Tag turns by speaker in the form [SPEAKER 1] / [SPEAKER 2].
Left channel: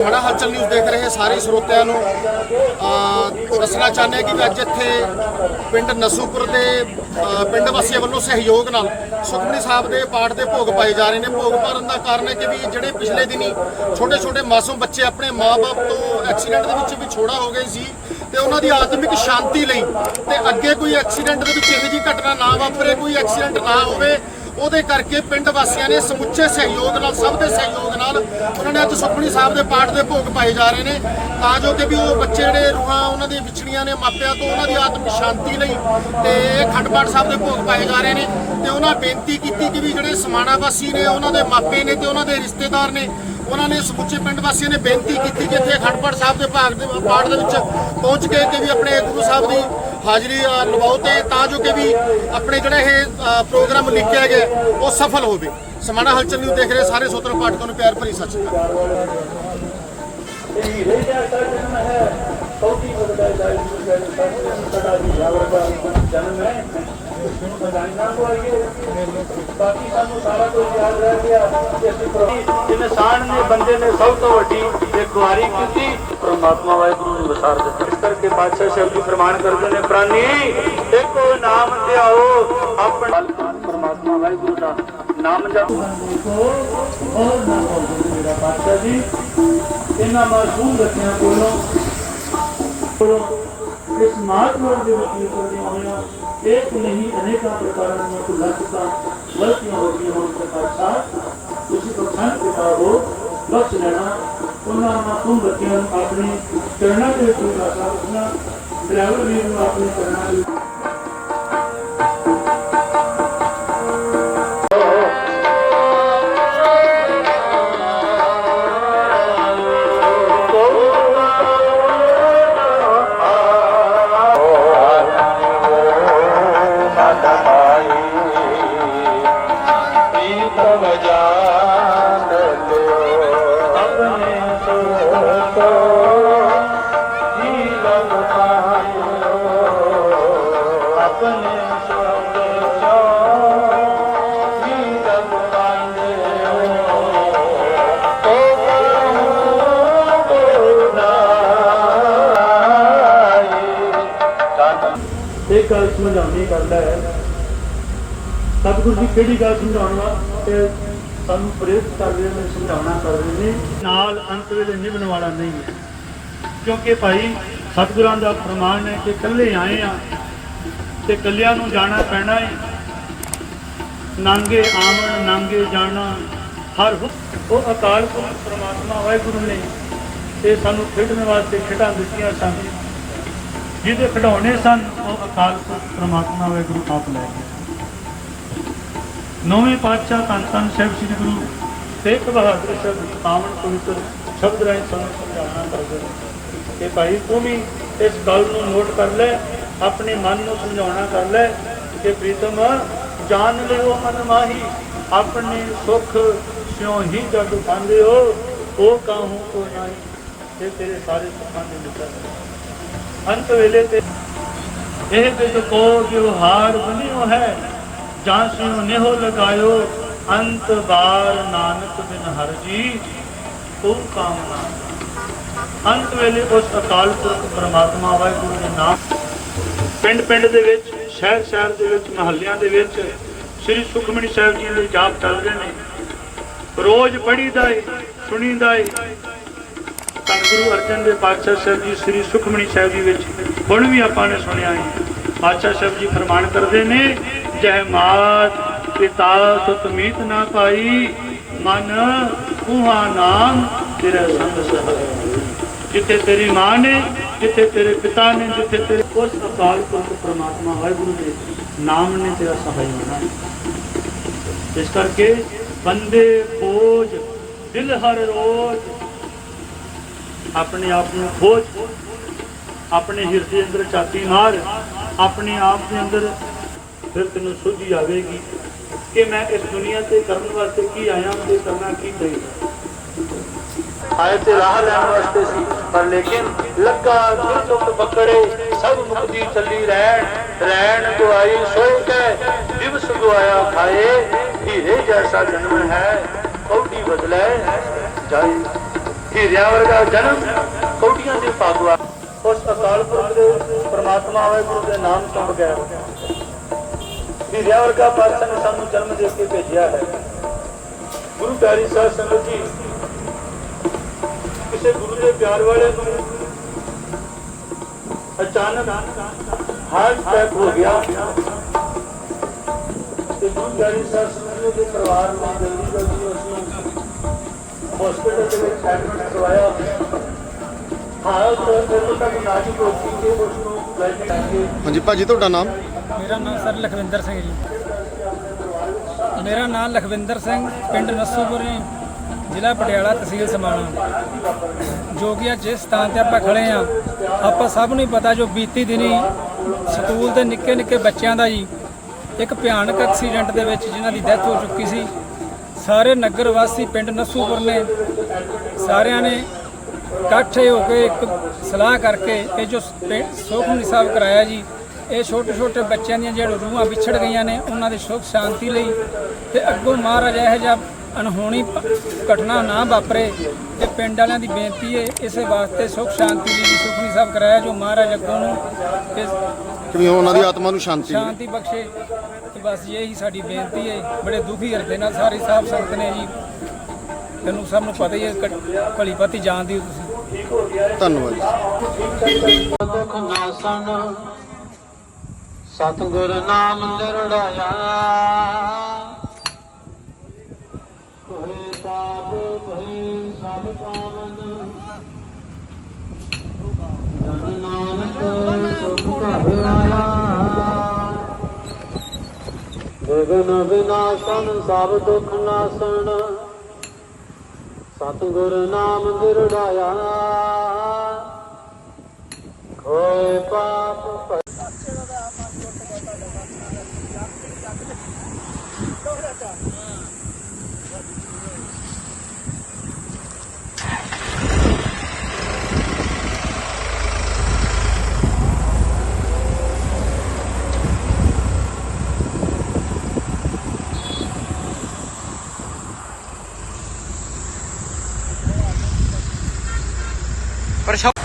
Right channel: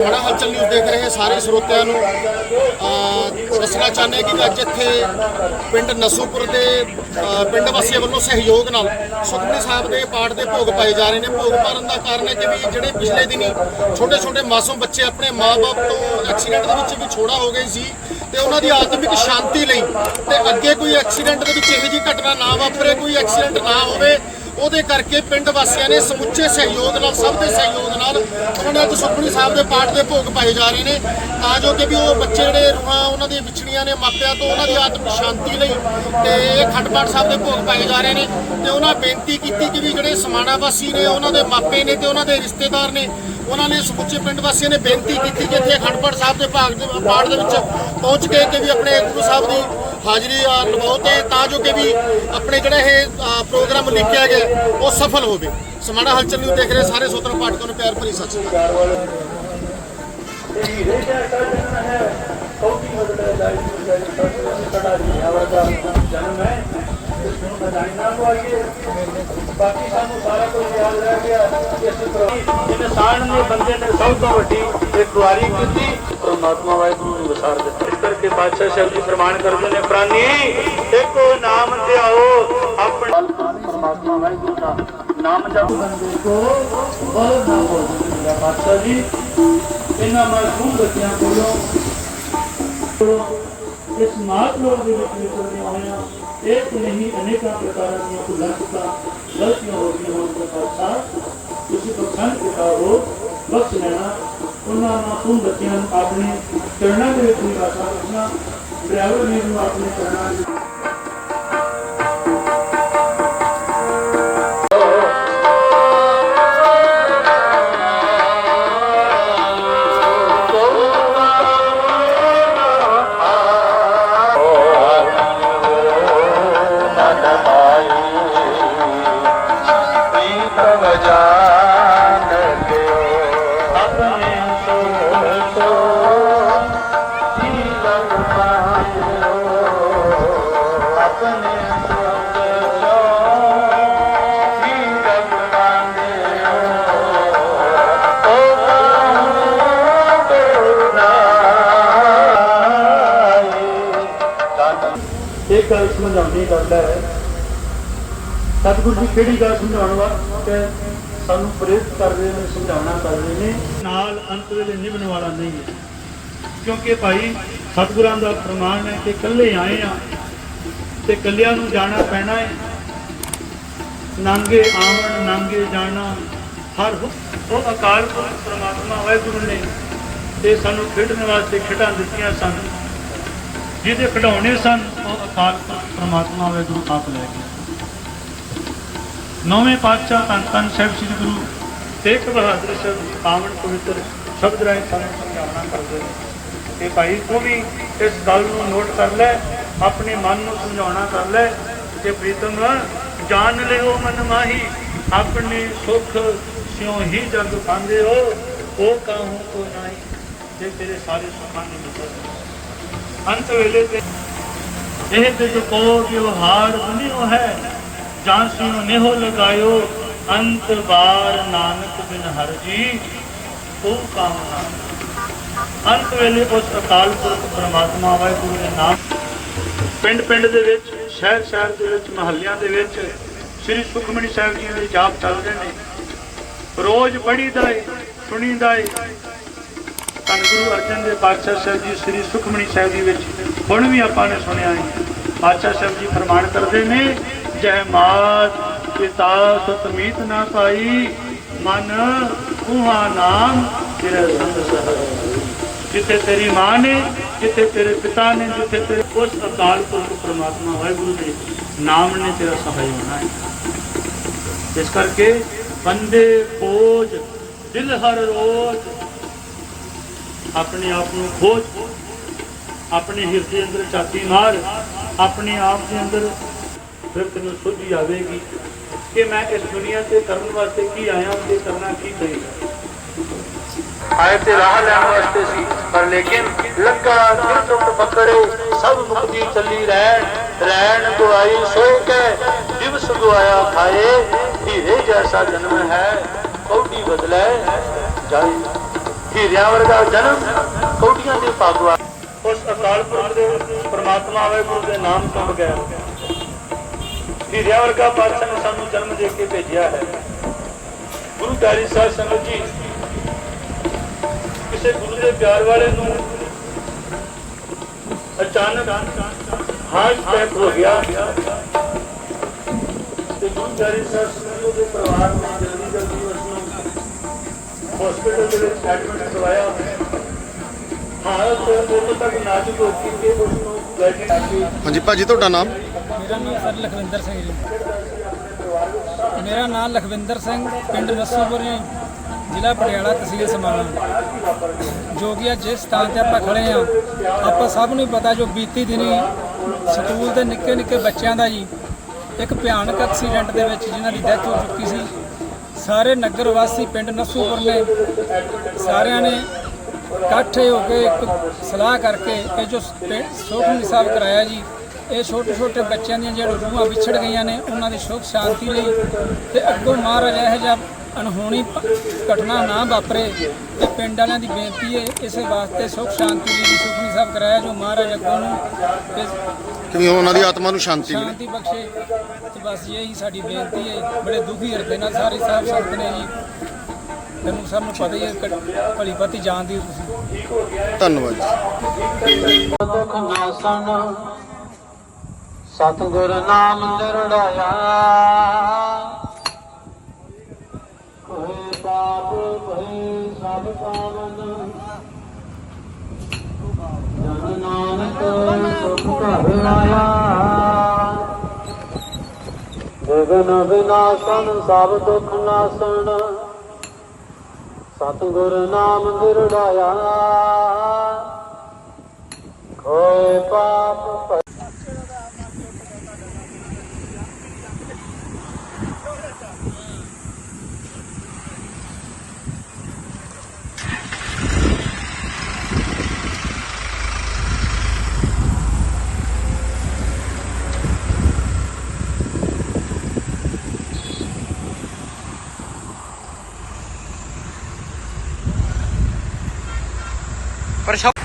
[SPEAKER 1] ਬੜਾ ਹਲਚਲ ਨਿਊਜ਼ ਦੇਖ ਰਹੇ ਸਾਰੇ ਸਰੋਤਿਆਂ ਨੂੰ। ਦੱਸਣਾ ਚਾਹੁੰਦੇ ਹਾਂ ਕਿ ਅੱਜ ਇੱਥੇ ਪਿੰਡ ਨਸੂਪੁਰ ਦੇ ਪਿੰਡ ਵਾਸੀਆਂ ਵੱਲੋਂ ਸਹਿਯੋਗ ਨਾਲ ਸੁਖਮਨੀ ਸਾਹਿਬ ਦੇ ਪਾਠ ਦੇ ਭੋਗ ਪਾਏ ਜਾ ਰਹੇ ਨੇ। ਭੋਗ ਭਰਨ ਦਾ ਕਾਰਨ ਹੈ ਕਿ ਵੀ ਜਿਹੜੇ ਪਿਛਲੇ ਦਿਨੀ ਛੋਟੇ ਛੋਟੇ ਮਾਸੂਮ ਬੱਚੇ ਆਪਣੇ ਮਾਪੇ ਤੋਂ ਐਕਸੀਡੈਂਟ ਦੇ ਵਿੱਚ ਵੀ ਛੋੜਾ ਹੋ ਗਏ ਸੀ ਤੇ ਉਹਨਾਂ ਦੀ ਆਤਮਿਕ ਸ਼ਾਂਤੀ ਲਈ ਤੇ ਅੱਗੇ ਕੋਈ ਐਕਸੀਡੈਂਟ ਦੇ ਵਿੱਚ ਇਹੋ ਜਿਹੀ ਘਟਨਾ ਨਾ ਵਾਪਰੇ, ਕੋਈ ਐਕਸੀਡੈਂਟ ਨਾ ਹੋਵੇ ਉਹਦੇ ਕਰਕੇ ਪਿੰਡ ਵਾਸੀਆਂ ਨੇ ਸਮੁੱਚੇ ਸਹਿਯੋਗ ਨਾਲ, ਸਭ ਦੇ ਸਹਿਯੋਗ ਨਾਲ ਉਹਨਾਂ ਨੇ ਅੱਜ ਸੁਖਮਨੀ ਸਾਹਿਬ ਦੇ ਪਾਠ ਦੇ ਭੋਗ ਪਾਏ ਜਾ ਰਹੇ ਨੇ। ਤਾਂ ਜੋ ਕਿ ਵੀ ਉਹ ਬੱਚੇ ਜਿਹੜੇ ਰੂਹਾਂ ਉਹਨਾਂ ਦੀਆਂ ਵਿਛੜੀਆਂ ਨੇ, ਮਾਪਿਆਂ ਤੋਂ ਉਹਨਾਂ ਦੀ ਆਤਮ ਸ਼ਾਂਤੀ ਲਈ ਤੇ ਇਹ ਖੰਡ ਪਾਠ ਸਾਹਿਬ ਦੇ ਭੋਗ ਪਾਏ ਜਾ ਰਹੇ ਨੇ ਤੇ ਉਹਨਾਂ ਬੇਨਤੀ ਕੀਤੀ ਕਿ ਵੀ ਜਿਹੜੇ ਸਮਾਣਾ ਵਾਸੀ ਨੇ, ਉਹਨਾਂ ਦੇ ਮਾਪੇ ਨੇ ਤੇ ਉਹਨਾਂ ਦੇ ਰਿਸ਼ਤੇਦਾਰ ਨੇ, ਉਹਨਾਂ ਨੇ ਸਮੁੱਚੇ ਪਿੰਡ ਵਾਸੀਆਂ ਨੇ ਬੇਨਤੀ ਕੀਤੀ ਕਿ ਇੱਥੇ ਅਖੰਡ ਪਾਠ ਸਾਹਿਬ ਦੇ ਭਾਗ ਦੇ ਪਾਠ ਦੇ ਵਿੱਚ ਪਹੁੰਚ ਕੇ ਕਿ ਵੀ ਆਪਣੇ ਗੁਰੂ ਸਾਹਿਬ ਦੀ ਹਾਜ਼ਰੀ ਲਵਾਓ ਤੇ ਤਾਂ ਜੋ ਕਿ ਵੀ ਆਪਣੇ ਜਿਹੜਾ ਇਹ ਪ੍ਰੋਗਰਾਮ ਲਿਖਿਆ ਗਿਆ, ਉਹ ਸਫਲ ਹੋਵੇ। ਸਮਾਣਾ ਹਲਚਲ ਨੂੰ ਦੇਖ ਰਹੇ ਸਾਰੇ ਸੋਤਰ ਪਾਠਕਾਂ ਨੂੰ ਪਿਆਰ ਭਰੀ ਸਤਿ ਸ਼੍ਰੀ ਅਕਾਲ।
[SPEAKER 2] ਬਾਕੀ ਸਾਨੂੰ ਸਾਰਾ ਕੁਝ ਯਾਦ ਰਹਿ ਗਿਆ ਇਨਸਾਨ ਨੇ ਬੰਦੇ ਨੇ ਸਭ ਤੋਂ ਵੱਡੀ ਇੱਕ ਵਾਰੀ ਕੀਤੀ ਪਰਮਾਤਮਾ ਵਾਹਿਗੁਰੂ ਨੂੰ ਵਿਸਾਰ ਦਿੱਤਾ। ਇਸ ਕਰਕੇ ਬਾਦਸ਼ਾਹ ਸਾਹਿਬ ਜੀ ਪ੍ਰਮਾਣ ਕਰਦੇ ਨੇ ਪ੍ਰਾਨੀ ਇੱਕੋ ਨਾਮ ਤੇ ਆਓ ਆਪਣਾ ਪਰਮਾਤਮਾ ਵਾਹਿਗੁਰੂ ਦਾ ਨਾਮ ਜਪ। ਬੰਦੇ ਕੋ ਬਹੁਤ ਨਾ ਬੋਲਦੇ ਮੇਰਾ ਬਾਦਸ਼ਾਹ ਜੀ ਇਹਨਾਂ ਮਾਸੂਮ ਬੱਚਿਆਂ ਕੋਲੋਂ ਇਸ ਮਾਤਮਾ ਦੇ ਵਿੱਚ ਨਿਕਲਦੀਆਂ ਹੋਈਆਂ ਇੱਕ ਨਹੀਂ ਅਨੇਕਾਂ ਪ੍ਰਕਾਰ ਦੀਆਂ ਕੁਲਸਤਾ ਗਲਤੀਆਂ ਹੋ ਗਈਆਂ ਹੋਣ ਪ੍ਰਕਾਰ ਸਾਹਿਬ ਤੁਸੀਂ ਤੋਂ ਸੰਤ ਕਿਤਾਬੋ ਬਖਸ਼ ਲੈਣਾ ਉਹਨਾਂ ਮਾਸੂਮ ਬੱਚਿਆਂ ਨੂੰ ਆਪਣੀ ਚਰਨਾਂ ਦੇ ਵਿੱਚ ਲਾਸਾ ਰੱਖਣਾ ਡਰਾਈਵਰ ਵੀ ਨੂੰ ਆਪਣੇ ਚਰਨਾਂ ਦੇ ਇੱਕ ਗੱਲ ਸਮਝਾਉਂਦੀ ਕਰਦਾ ਹੈ। ਸਤਿਗੁਰੂ ਜੀ ਕਿਹੜੀ ਗੱਲ ਸਮਝਾਉਣ ਵਾਸਤੇ ਸਾਨੂੰ ਪ੍ਰੇਰਿਤ ਕਰਦੇ ਨੇ, ਸਮਝਾਉਣਾ ਕਰਦੇ ਨੇ। ਨਾਲ ਅੰਤ ਵੇਲੇ ਨਿਭਣ ਵਾਲਾ ਨਹੀਂ ਹੈ। ਕਿਉਂਕਿ ਭਾਈ ਸਤਿਗੁਰਾਂ ਦਾ ਪ੍ਰਮਾਣ ਹੈ ਕਿ ਇਕੱਲੇ ਆਏ ਆ ਤੇ ਕੱਲਿਆਂ ਨੂੰ ਜਾਣਾ ਪੈਣਾ ਹੈ ਨਾਂਗੇ ਆਵਣ, ਨਾਂਗੇ ਜਾਣਾ, ਹਰ ਉਹ ਅਕਾਲ ਪੁਰਖ ਪ੍ਰਮਾਤਮਾ ਵਾਹਿਗੁਰੂ ਨੇ ਤੇ ਸਾਨੂੰ ਖੇਡਣ ਵਾਸਤੇ ਖੇਡਾਂ ਦਿੱਤੀਆਂ ਸਨ। ਜਿਹਦੇ ਖਿਡੌਣੇ ਸਨ, ਉਹ ਅਕਾਲ ਪੁਰਖ ਪ੍ਰਮਾਤਮਾ ਵਾਹਿਗੁਰੂ ਆਪ ਲੈ ਗਿਆ ਨੌਵੇਂ ਪਾਤਸ਼ਾਹ ਧੰਨ ਧੰਨ ਸਾਹਿਬ ਸ੍ਰੀ ਗੁਰੂ ਤੇਗ ਬਹਾਦਰ ਸਾਹਿਬ ਜੀ ਪਵਿੱਤਰ ਸ਼ਬਦ ਰਾਹੀਂ ਸਾਨੂੰ ਸਮਝਾਉਣਾ ਕਰਦੇ ਨੇ ਤੇ ਭਾਈ ਤੂੰ ਵੀ ਇਸ ਗੱਲ ਨੂੰ ਨੋਟ ਕਰ ਲੈ ਆਪਣੇ ਮਨ ਨੂੰ ਸਮਝਾਉਣਾ ਗੱਲ ਹੈ ਤੇ ਪ੍ਰੀਤਮ, ਜਾਣ ਲਿਓ ਮਨ ਮਾਹੀ, ਆਪਣੇ ਸੁਖ ਸਿਉ ਹੀ ਜਗ ਪਾਉਂਦੇ ਹੋ ਉਹ ਕਾਹੂ ਕੋ ਨਹੀਂ ਇਹ ਤੇਰੇ ਸਾਰੇ ਸੁੱਖਾਂ ਦੀ ਨਿਕਲ ਅੰਤ ਵੇਲੇ ਤੇ ਇਹ ਤੇ ਜੋ ਕੋ ਜੋ ਹਾਰ ਬਨਿਓ ਹੈ, ਜਾਂ ਸਿਉ ਨਿਹੋ ਲਗਾਇਓ, ਅੰਤ ਬਾਰ ਨਾਨਕ ਬਿਨ ਹਰ ਜੀ, ਉਹ ਕਾਮਨਾ ਅੰਤ ਵੇਲੇ ਉਸ ਅਕਾਲ ਪੁਰਖ ਪ੍ਰਮਾਤਮਾ ਵਾਹਿਗੁਰੂ ਦੇ ਨਾਮ ਪਿੰਡ ਪਿੰਡ ਦੇ ਵਿੱਚ, ਸ਼ਹਿਰ ਸ਼ਹਿਰ ਦੇ ਵਿੱਚ, ਮਹੱਲਿਆਂ ਦੇ ਵਿੱਚ ਸ੍ਰੀ ਸੁਖਮਨੀ ਸਾਹਿਬ ਜੀ ਦੇ ਜਾਪ ਚੱਲਦੇ ਨੇ। ਰੋਜ਼ ਪੜੀਦਾ ਏ, ਸੁਣੀਦਾ ਏ। ਧੰਨ ਗੁਰੂ ਅਰਜਨ ਦੇ ਪਾਤਸ਼ਾਹ ਸਾਹਿਬ ਜੀ, ਸ੍ਰੀ ਸੁਖਮਨੀ ਸਾਹਿਬ ਜੀ ਵਿੱਚ ਹੁਣ ਵੀ ਆਪਾਂ ਨੇ ਸੁਣਿਆ ਹੈ ਪਾਤਸ਼ਾਹ ਸਾਹਿਬ ਜੀ ਫਰਮਾਨ ਕਰਦੇ ਨੇ, ਜਹ ਮਾਤ ਪਿਤਾ ਸੁਤ ਨਾ ਪਾਈ, ਮਨ ਉਹਾ ਨਾਮ ਤੇਰਾ ਜਿੱਥੇ ਤੇਰੀ ਮਾਂ ਨੇ, ਜਿੱਥੇ ਤੇਰੇ ਪਿਤਾ ਨੇ, ਜਿੱਥੇ ਤੇਰੇ ਉਸ ਅਕਾਲ ਪੁਰਖ ਪ੍ਰਮਾਤਮਾ ਵਾਹਿਗੁਰੂ ਦੇ ਨਾਮ ਨੇ ਤੇਰਾ ਸਹਾਈ ਹੋਣਾ ਹੈ ਇਸ ਕਰਕੇ ਬੰਦੇ ਬੋਝ, ਦਿਲ ਹਰ ਰੋਜ਼ ਆਪਣੇ ਆਪ ਨੂੰ ਖੋਜ, ਆਪਣੇ ਹਿਰਦੇ ਅੰਦਰ ਛਾਤੀ ਮਾਰ, ਆਪਣੇ ਆਪ ਦੇ ਅੰਦਰ ਫਿਰ ਤੈਨੂੰ ਸੁਧੀ ਆਵੇਗੀ ਕਿ ਮੈਂ ਇਸ ਦੁਨੀਆ ਤੇ ਕਰਨ ਵਾਸਤੇ ਕੀ ਆਇਆ, ਤੇ ਕਰਨਾ ਕੀ ਚਾਹੀਦਾ ਆਏ ਤੇ ਰਾਹ ਲੈਣ ਵਾਸਤੇ ਸੀ। ਪਰ ਲੇਕਿਨ ਲੱਗਾ ਦਿਲ ਚੁੱਪ ਸਭ ਮੁਕਤੀ ਚੱਲੀ ਰਹਿਣ ਰਹਿਣ ਗਵਾਈ ਸੋ ਕੇ, ਦਿਵਸ ਗਵਾਇਆ ਖਾਏ ਹੀਰੇ ਜੈਸਾ ਜਨਮ ਹੈ, ਕੌਡੀ ਬਦਲੇ ਜਾਏ
[SPEAKER 3] ਹੀਰਿਆ ਵਰਗਾ ਜਨਮ ਕੋਟੀਆਂ ਦੇ ਪਾਗਵਾ
[SPEAKER 2] ਉਸ ਅਕਾਲ ਪੁਰਖ ਦੇ ਪ੍ਰਮਾਤਮਾ ਵਾਹਿਗੁਰੂ ਦੇ ਨਾਮ ਤੋਂ ਬਗੈਰ। ਹੀਰਿਆ ਵਰਗਾ ਪਾਤਸ਼ਾਹ ਨੇ ਸਾਨੂੰ ਜਨਮ ਦੇ ਕੇ ਭੇਜਿਆ ਹੈ। ਗੁਰੂ ਪਿਆਰੀ ਸਾਹਿਬ ਸੰਗਤ ਜੀ ਕਿਸੇ ਗੁਰੂ ਦੇ ਪਿਆਰ ਵਾਲੇ ਨੂੰ ਅਚਾਨਕ ਹਾਰਟ ਅਟੈਕ ਹੋ ਗਿਆ। ਤੇ ਗੁਰੂ ਪਿਆਰੀ ਸਾਹਿਬ ਦੇ ਪਰਿਵਾਰ ਨੇ ਜਲਦੀ ਜਲਦੀ ਉਸ ਨੂੰ ਹਸਪੀਟਲ ਦੇ ਵਿੱਚ ਐਡਮਿਟ ਕਰਵਾਇਆ। ਹਾਲਤ ਜਦੋਂ ਤੱਕ ਨਾਜ਼ੁਕ ਹੋ ਚੁੱਕੀ ਕਿ ਉਸ ਨੂੰ ਬੈਠੇ ਕੇ
[SPEAKER 1] ਹਾਂਜੀ ਭਾਜੀ ਤੁਹਾਡਾ ਨਾਮ?
[SPEAKER 4] ਮੇਰਾ ਨਾਮ ਸਰ ਲਖਵਿੰਦਰ ਸਿੰਘ ਜੀ। ਮੇਰਾ ਨਾਮ ਲਖਵਿੰਦਰ ਸਿੰਘ ਪਿੰਡ ਨਸੋਪੁਰੀ ਜ਼ਿਲ੍ਹਾ ਪਟਿਆਲਾ ਤਹਿਸੀਲ ਸਮਾਣਾ। ਜੋ ਕਿ ਅੱਜ ਜਿਸ ਸਥਾਨ ਤੇ ਆਪਾਂ ਖੜੇ ਆ ਆਪਾਂ ਸਭ ਨੂੰ ਹੀ ਪਤਾ ਜੋ ਬੀਤੀ ਦਿਨੀ ਸਕੂਲ ਦੇ ਨਿੱਕੇ ਨਿੱਕੇ ਬੱਚਿਆਂ ਦਾ ਜੀ, ਇੱਕ ਭਿਆਨਕ ਐਕਸੀਡੈਂਟ ਦੇ ਵਿੱਚ ਜਿਨ੍ਹਾਂ ਦੀ ਡੈਥ ਹੋ ਚੁੱਕੀ ਸੀ। ਸਾਰੇ ਨਗਰ ਵਾਸੀ ਪਿੰਡ ਨਸੂਪੁਰ ਨੇ। ਸਾਰਿਆਂ ਨੇ ਇਕੱਠੇ ਹੋ ਕੇ ਇੱਕ ਸਲਾਹ ਕਰਕੇ ਇਹ ਜੋ ਸੁਖਮਨੀ ਸਾਹਿਬ ਕਰਾਇਆ ਜੀ, ਇਹ ਛੋਟੇ ਛੋਟੇ ਬੱਚਿਆਂ ਦੀਆਂ ਜਿਹੜੇ ਰੂਹਾਂ ਵਿਛੜ ਗਈਆਂ ਨੇ, ਉਹਨਾਂ ਦੀ ਸੁਖ ਸ਼ਾਂਤੀ ਲਈ ਤੇ ਅੱਗੋਂ ਮਹਾਰਾਜ ਇਹੋ ਜਿਹਾ ਅਣਹੋਣੀ ਘਟਨਾ ਨਾ ਵਾਪਰੇ ਤੇ ਪਿੰਡ ਵਾਲਿਆਂ ਦੀ ਬੇਨਤੀ ਹੈ ਇਸੇ ਵਾਸਤੇ ਸੁਖ ਸ਼ਾਂਤੀ ਲਈ ਸੁਖਮਨੀ ਸਾਹਿਬ ਕਰਾਇਆ ਜੋ ਮਹਾਰਾਜ ਅੱਗੋਂ ਨੂੰ ਇਹ
[SPEAKER 1] ਕਿਵੇਂ ਉਹਨਾਂ ਦੀ ਆਤਮਾ ਨੂੰ ਸ਼ਾਂਤੀ ਮਿਲੇ।
[SPEAKER 4] ਸ਼ਾਂਤੀ ਬਖਸ਼ੇ ਤੇ ਬਸ ਇਹੀ ਸਾਡੀ ਬੇਨਤੀ ਹੈ ਬੜੇ ਦੁਖੀ ਹਿਰਦੇ ਨਾਲ ਸਾਰੇ ਸਾਹਿਬ ਸੰਗਤ ਨੇ ਜੀ। ਤੈਨੂੰ ਸਭ ਨੂੰ ਪਤਾ ਹੀ ਹੈ ਕ- ਭਲੀ ਭਾਤੀ ਜਾਣਦੀ ਹੋ ਤੁਸੀਂ।
[SPEAKER 1] ਧੰਨਵਾਦ ਜੀ।
[SPEAKER 3] ਦੁਖ ਸਤਿਗੁਰ ਨਾਮ ਨਿਰੜਾਇਆ। ਕੋਈ ਪਾਪ ਭਈ ਸਭ ਪਾਵਨ। ਜਨ ਨਾਨਕ ਸੁਖ ਘਰ ਆਇਆ ਗਗਨ ਵਿਨਾਸ਼ਨ ਸਭ ਦੁਖ ਨਾਸਨ। ਸਤਿਗੁਰ ਨਾਮ ਨਿਰੜਾਇਆ ਕੋਈ ਪਾਪ Por eso...